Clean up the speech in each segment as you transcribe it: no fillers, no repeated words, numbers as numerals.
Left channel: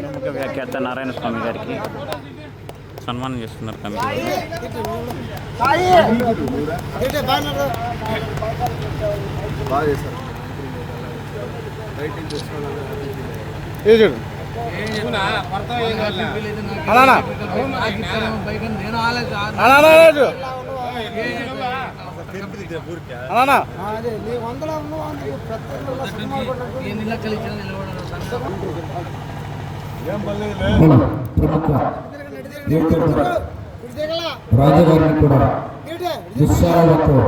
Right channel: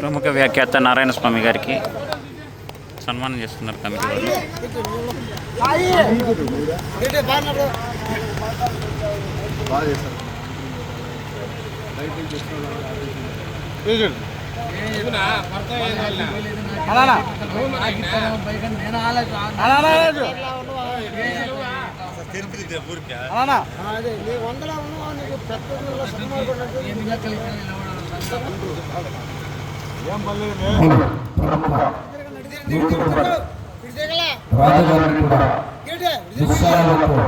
ప్రముఖ వ్యాఖ్యాత నారాయణ స్వామి గారికి సన్మానం చేస్తున్నారు కమిటీ రాజగారిని కూడా నిస్సారాలతో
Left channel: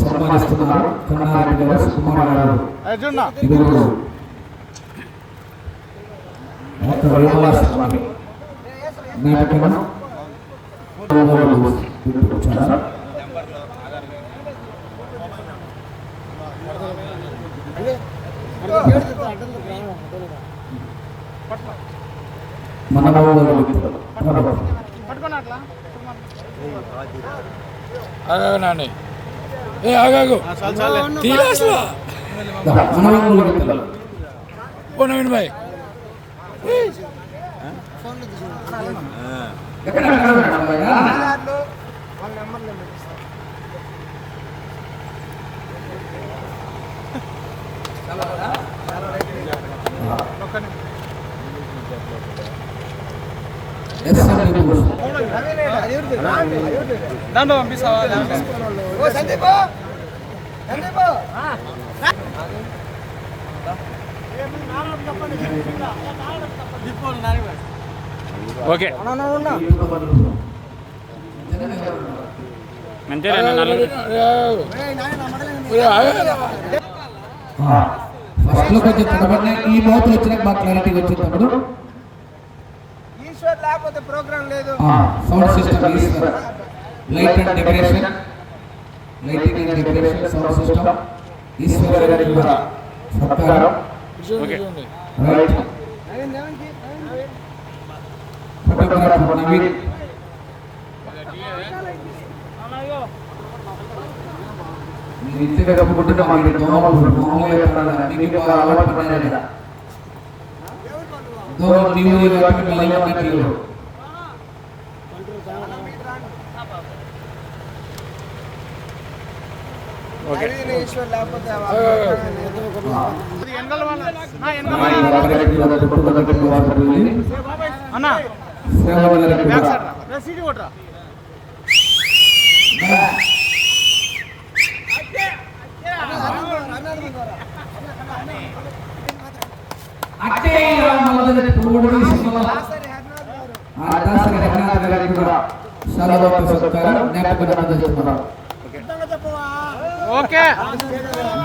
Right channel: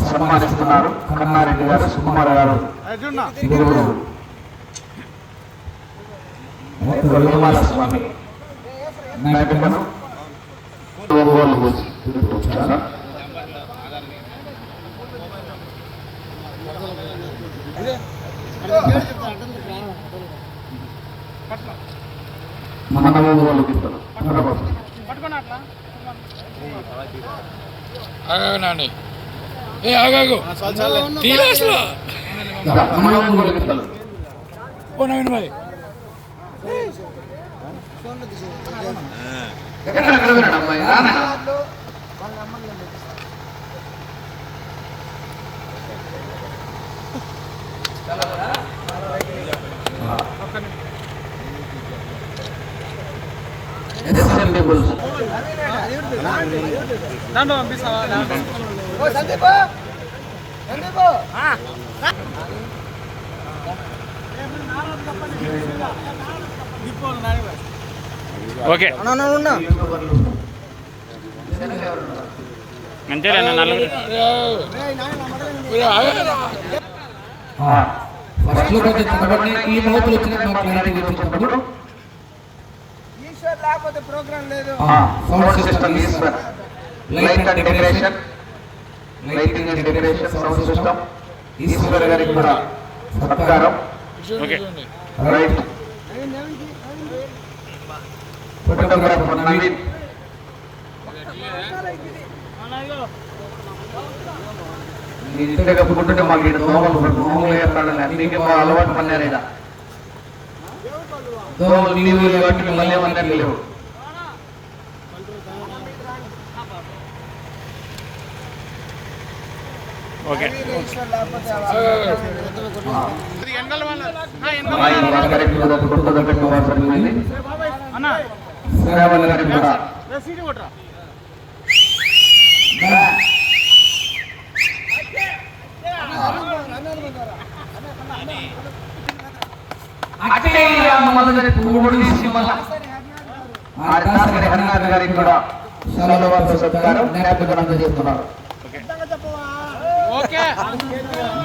సన్మానిస్తున్నారు. కన్నారెడ్డి గారు, సుకుమారావు స్వామి నాటకం ఓకే అంతేనా నలుగురు ఈ మోపులు వచ్చిన బాగా క్లారిటీ వచ్చినప్పుడు లేకపోతే ప్రోగ్రామ్ లేదు. Sound system Eshwar, light and decoration, lighting and decoration sound system Eshwar గారికి కూడా సత్కారం. Okay right. ఫోటోగ్రాఫర్ నవీన్, ఇంటికి కప్పుకుంటే మాకు మామూలుగా అలవాటు పడలేదా ఓకే చాలా బాగా